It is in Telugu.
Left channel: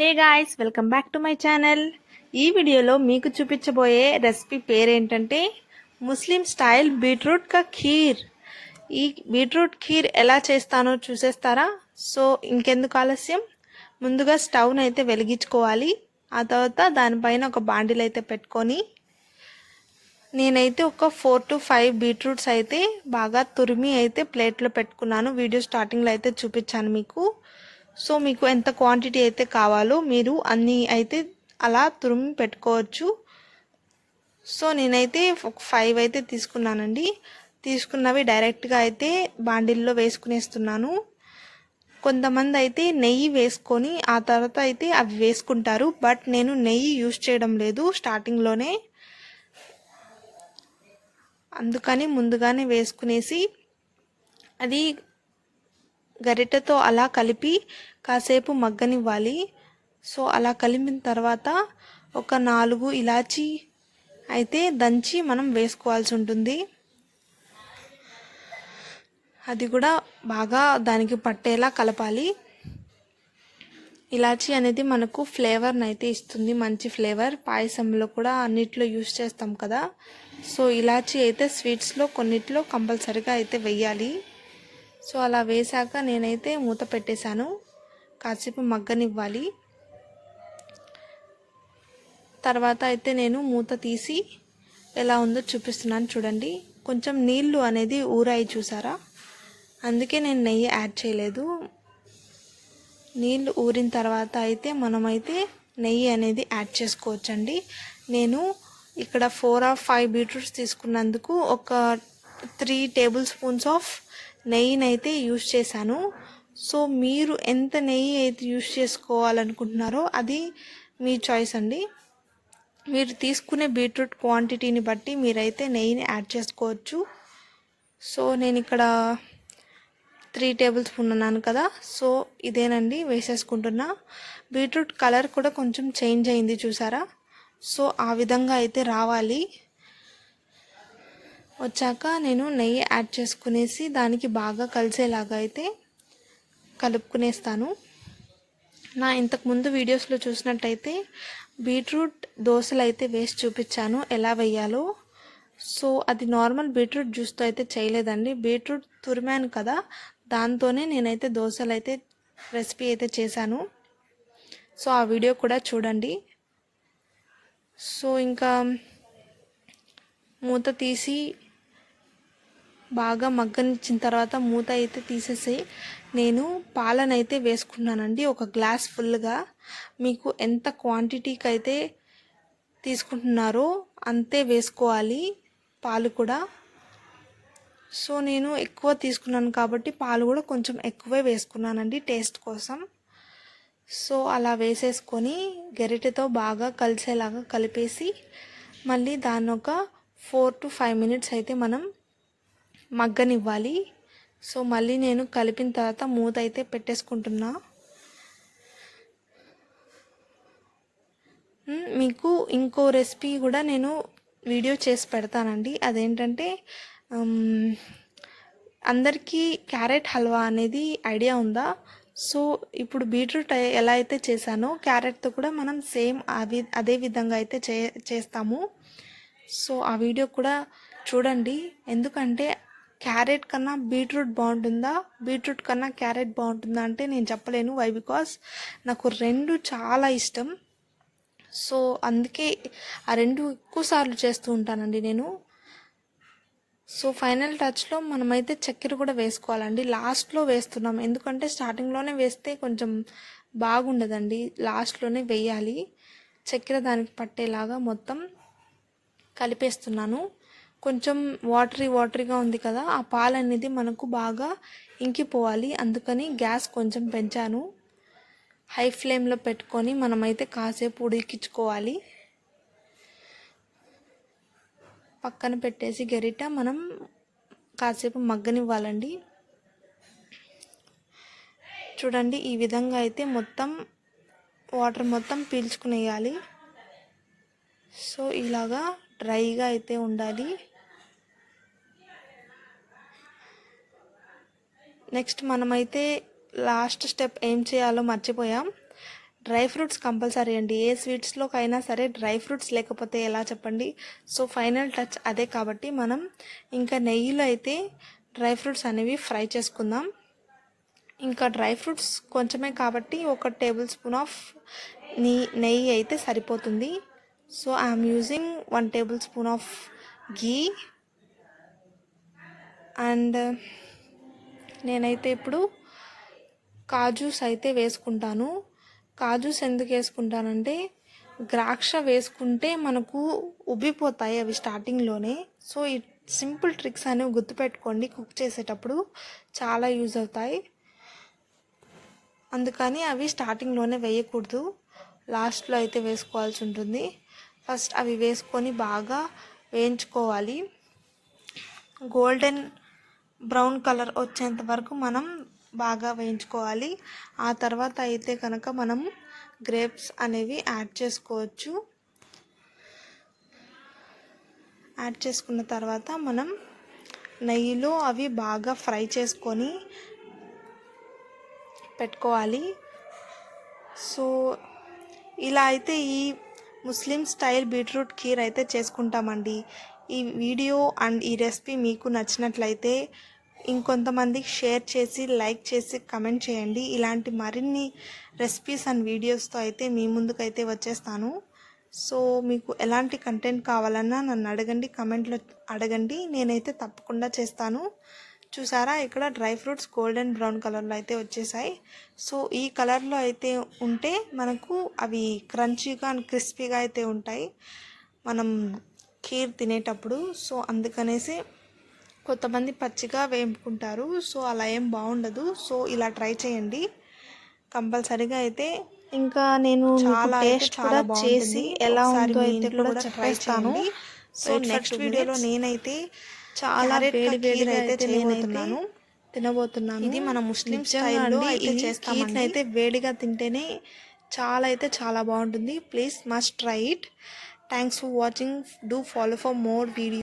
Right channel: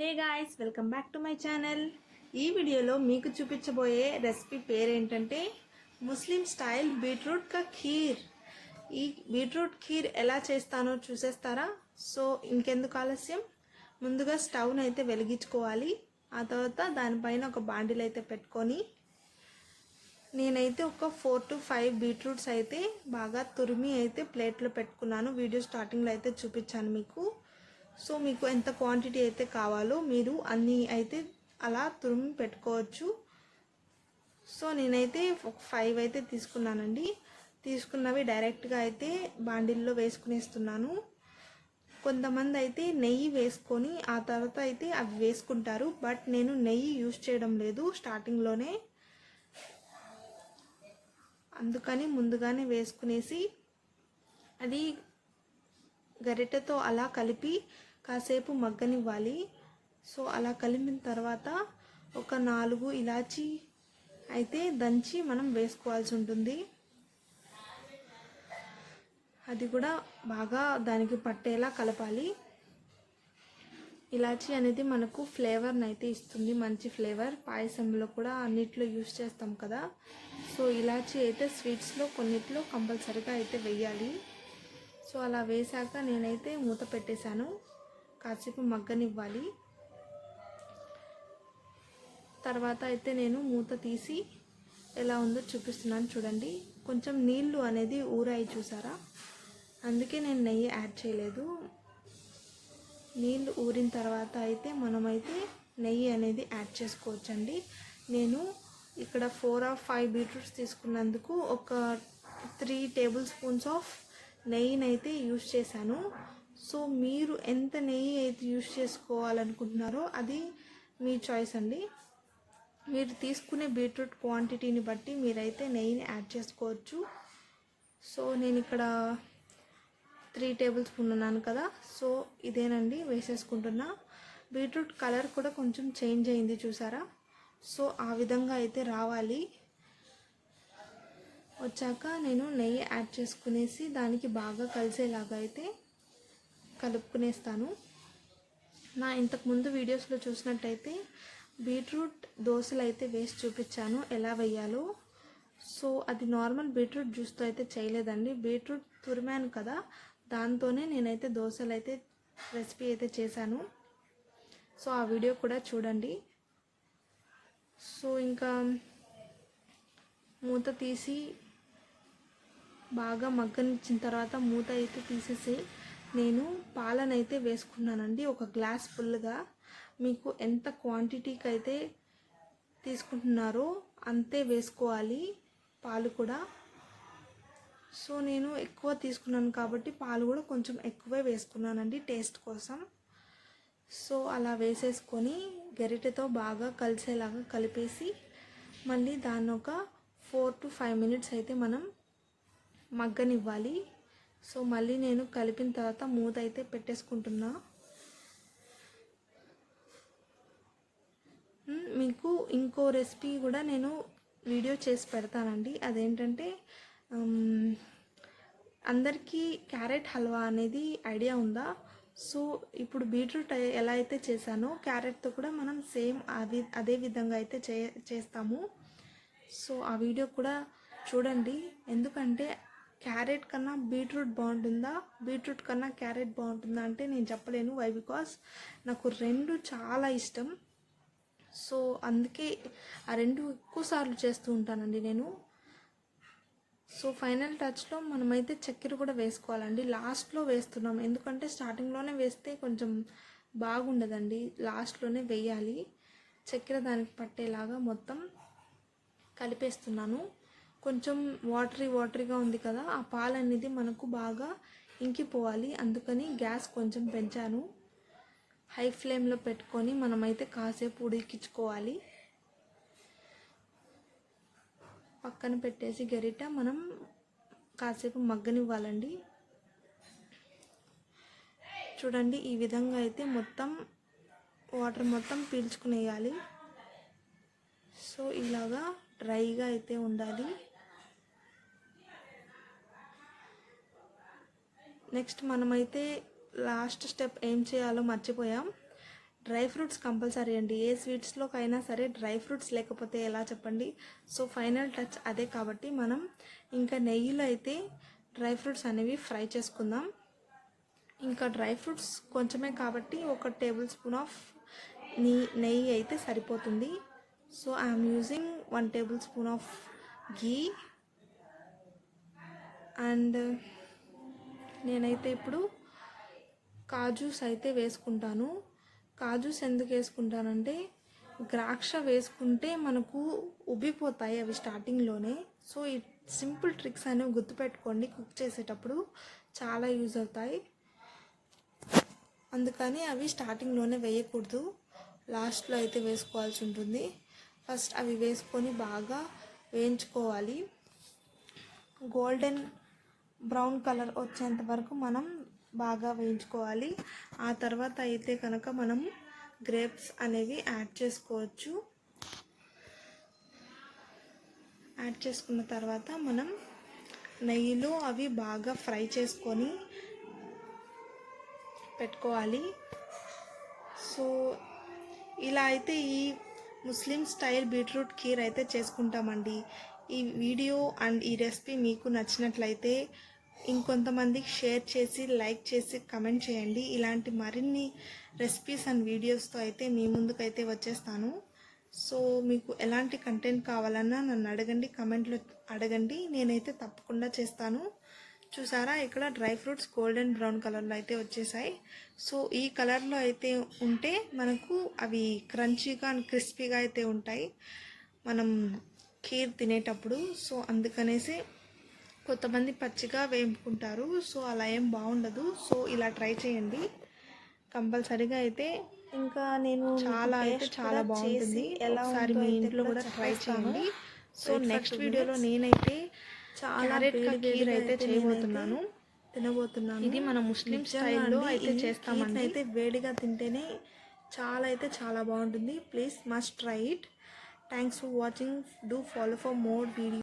Hey guys, welcome back to my channel. ఈ వీడియోలో మీకు చూపించబోయే రెసిపీ పేరేంటంటే ముస్లిం స్టైల్ బీట్రూట్ కా ఖీర్. ఈ బీట్రూట్ ఖీర్ ఎలా చేస్తానో చూసేస్తారా? సో ఇంకెందుకు ఆలస్యం, ముందుగా స్టవ్ని అయితే వెలిగించుకోవాలి. ఆ తర్వాత దానిపైన ఒక బాండిల్ అయితే పెట్టుకొని నేనైతే ఒక 4 to 5 బీట్రూట్స్ అయితే బాగా తురిమి అయితే ప్లేట్లో పెట్టుకున్నాను. వీడియో స్టార్టింగ్లో అయితే చూపించాను మీకు. సో మీకు ఎంత క్వాంటిటీ అయితే కావాలో మీరు అన్నీ అయితే అలా తురిమి పెట్టుకోవచ్చు. సో నేనైతే 5 అయితే తీసుకున్నానండి. తీసుకున్నవి డైరెక్ట్గా అయితే బాండిల్లో వేసుకునేస్తున్నాను. కొంతమంది అయితే నెయ్యి వేసుకొని ఆ తర్వాత అయితే అవి వేసుకుంటారు, బట్ నేను నెయ్యి యూజ్ చేయడం లేదు స్టార్టింగ్లోనే. అందుకని ముందుగానే వేసుకునేసి అది గరిటెతో అలా కలిపి కాసేపు మగ్గనివ్వాలి. సో అలా కలిపిన తర్వాత ఒక 4 ఇలాచీ అయితే దంచి మనం వేసుకోవాల్సి ఉంటుంది. అది కూడా బాగా దానికి పట్టేలా కలపాలి. ఇలాచీ అనేది మనకు ఫ్లేవర్ని అయితే ఇస్తుంది, మంచి ఫ్లేవర్. పాయసంలో కూడా అన్నిట్లో యూస్ చేస్తాం కదా. సో ఇలాచీ అయితే స్వీట్స్లో కొన్నిట్లో కంపల్సరీగా అయితే వెయ్యాలి. సో అలా వేసాక నేనైతే మూత పెట్టేశాను, కాసేపు మగ్గనివ్వాలి. తర్వాత అయితే నేను మూత తీసి ఎలా ఉందో చూపిస్తున్నాను చూడండి. కొంచెం నీళ్ళు అనేది ఊరాయి చూసారా, అందుకే నేను నెయ్యి యాడ్ చేయలేదు. నీళ్ళు ఊరిన తర్వాత అయితే మనమైతే నెయ్యి అనేది యాడ్ చేసుకోవచ్చండి. నేను ఇక్కడ 4 or 5 బీట్రూట్స్ తీసుకున్నందుకు ఒక 3 టేబుల్ స్పూన్స్ ఆఫ్ నెయ్యిని అయితే యూస్ చేశాను. సో మీరు ఎంత నెయ్యి అయితే యూస్ చేసుకోవాలనుకుంటున్నారో అది మీ చాయిస్ అండి. మీరు తీసుకునే బీట్రూట్ క్వాంటిటీని బట్టి మీరైతే నెయ్యిని యాడ్ చేసుకోవచ్చు. సో నేను ఇక్కడ 3 టేబుల్ స్పూన్ అన్నాను కదా, సో ఇదేనండి వేసేసుకుంటున్నా. బీట్రూట్ కలర్ కూడా కొంచెం చేంజ్ అయింది చూసారా. సో ఆ విధంగా అయితే రావాలి. వచ్చాక నేను నెయ్యి యాడ్ చేసుకునేసి దానికి బాగా కలిసేలాగా అయితే కలుపుకునేస్తాను. నా ఇంతకుముందు వీడియోస్లో చూసినట్టయితే బీట్రూట్ దోశలు అయితే వేసి చూపించాను ఎలా వేయాలో. సో అది నార్మల్ బీట్రూట్ జ్యూస్తో అయితే చేయలేదండి, బీట్రూట్ తురిమాను కదా దాంతోనే నేనైతే దోశలు అయితే రెసిపీ అయితే చేశాను. సో ఆ వీడియో కూడా చూడండి. సో ఇంకా మూత తీసి బాగా మగ్గనిచ్చిన తర్వాత మూత అయితే తీసేసి నేను పాలనైతే వేసుకున్నానండి, ఒక గ్లాస్ ఫుల్గా. మీకు ఎంత క్వాంటిటీకి అయితే తీసుకుంటున్నారో అంతే వేసుకోవాలి పాలు కూడా. సో నేను ఎక్కువ తీసుకున్నాను కాబట్టి పాలు కూడా కొంచెం ఎక్కువే వేసుకున్నానండి టేస్ట్ కోసం. సో అలా వేసేసుకొని గరిటెతో బాగా కలిసేలాగా కలిపేసి మళ్ళీ దాన్ని ఒక 4 to 5 మినిట్స్ అయితే మనం మగ్గనివ్వాలి. సో మళ్ళీ నేను కలిపిన తర్వాత మూత అయితే పెట్టేసుకుంటున్నా. మీకు ఇంకో రెసిపీ కూడా నేను వీడియో చేసి పెడతానండి. అదేంటంటే అందరికీ క్యారెట్ హల్వా అనేది ఐడియా ఉందా? సో ఇప్పుడు బీట్రూట్ ఎలా అయితే చేశానో క్యారెట్తో కూడా మనం సేమ్ అదే విధంగా అయితే చేస్తాము. సో ఆ వీడియో కూడా చూడండి. ఎందుకంటే క్యారెట్ కన్నా బీట్రూట్ బాగుంటుందా, బీట్రూట్ కన్నా క్యారెట్ బాగుంటుందా అంటే నేను చెప్పలేను. వై? బికాస్ నాకు రెండు చాలా ఇష్టం. సో అందుకే ఆ రెండు ఎక్కువ సార్లు చేస్తూ ఉంటానండి నేను. సో ఫైనల్ టచ్లో మనమైతే చక్కెర కూడా వేసుకోవాలండి. లాస్ట్లో వేస్తున్నాం, ఎందుకంటే స్టార్టింగ్లోనే వేస్తే కొంచెం బాగుండదండి, లాస్ట్లోనే వేయాలి. చక్కెర దానికి పట్టేలాగా మొత్తం కలిపేస్తున్నాను. కొంచెం వాటరీగా ఉంది కదా, ఆ పాలు అనేది మనకు బాగా ఇంకిపోవాలి. అందుకని గ్యాస్ కొంచెం పెంచాను. హై ఫ్లేమ్లో పెట్టుకొని మనమైతే కాసేపు ఉడికించుకోవాలి. పక్కన పెట్టేసి గరిట మనం కాసేపు మగ్గనివ్వాలండి. చూడండి ఈ విధంగా అయితే మొత్తం వాటర్ మొత్తం పీల్చుకునేయాలి. సో ఇలాగా డ్రైగా అయితే ఉండాలి. నెక్స్ట్ మనమైతే లాస్ట్ స్టెప్ ఏం చేయాలో మర్చిపోయాం. డ్రై ఫ్రూట్స్ కంపల్సరీ అండి. ఏ స్వీట్స్లోకైనా సరే డ్రై ఫ్రూట్స్ లేకపోతే ఎలా చెప్పండి. సో ఫైనల్ టచ్ అదే కాబట్టి మనం ఇంకా నెయ్యిలో అయితే డ్రై ఫ్రూట్స్ అనేవి ఫ్రై చేసుకుందాం. ఇంకా డ్రై ఫ్రూట్స్ కొంచెమే కాబట్టి 1 టేబుల్ స్పూన్ ఆఫ్ నెయ్యి అయితే సరిపోతుంది. So I'm using 1 table spoon of ghee. And నేనైతే ఇప్పుడు కాజూస్ అయితే వేసుకుంటాను. కాజూస్ ఎందుకు వేసుకుంటానంటే ద్రాక్ష వేసుకుంటే మనకు ఉబ్బిపోతాయి అవి స్టార్టింగ్లోనే. సో ఈ సింపుల్ ట్రిక్స్ అనేవి గుర్తుపెట్టుకోండి, కుక్ చేసేటప్పుడు చాలా యూజ్ అవుతాయి. అందుకని అవి స్టార్టింగ్లోనే వేయకూడదు, లాస్ట్లో అయితే వేసుకోవాల్సి ఉంటుంది. ఫస్ట్ అవి వేసుకొని బాగా వేయించుకోవాలి. గోల్డెన్ బ్రౌన్ కలర్ వచ్చేంత వరకు మనం బాగా వేయించుకోవాలి. ఆ తర్వాత అయితే కనుక మనం గ్రేప్స్ అనేవి యాడ్ చేసుకోవచ్చు. యాడ్ చేసుకున్న తర్వాత మనం నెయ్యిలో అవి బాగా ఫ్రై చేసుకొని పెట్టుకోవాలి. సో ఇలా అయితే ఈ ముస్లిం స్టైల్ బీట్రూట్ ఖీర్ అయితే చేసుకుంటామండి. ఈ వీడియో అండ్ ఈ రెసిపీ మీకు నచ్చినట్లయితే ఇంకొంతమందికి షేర్ చేసి, లైక్ చేసి, కమెంట్ చేయండి. ఇలాంటి మరిన్ని రెసిపీస్ అండ్ వీడియోస్తో అయితే మీ ముందుకైతే వచ్చేస్తాను. సో మీకు ఎలాంటి కంటెంట్ కావాలన్నా నన్ను అడగండి, కమెంట్లో అడగండి, నేనైతే తప్పకుండా చేస్తాను. చూసారా, ఇక్కడ డ్రై ఫ్రూట్స్ గోల్డెన్ బ్రౌన్ కలర్లో అయితే వచ్చేసాయి. సో ఈ కలర్లో అయితే ఉంటే మనకు అవి క్రంచీగా అండ్ క్రిస్పీగా అయితే ఉంటాయి మనం ఖీర్ తినేటప్పుడు. సో అందుకనేసి కొంతమంది పచ్చిగా వేపుకుంటారు, సో అలా ఏం బాగుండదు. సో ఇలా ట్రై చేయండి కంపల్సరీగా అయితే. ఇంకా నేను చాలా బాగుంటుంది, ఎలా ఉందో అయితే కూడా ట్రై చేయండి. సో నెక్స్ట్ వీడియోలో నేనైతే చాలా వేడిగా అయితే తినబోతున్నాను. ఇది మన ముస్లిం స్టైల్లో అయితే చేస్తామండి. అయితే వేడిగా తింటేనే చాలా బాగుంటుంది. Please must try it. Thanks for watching. Do follow for more video.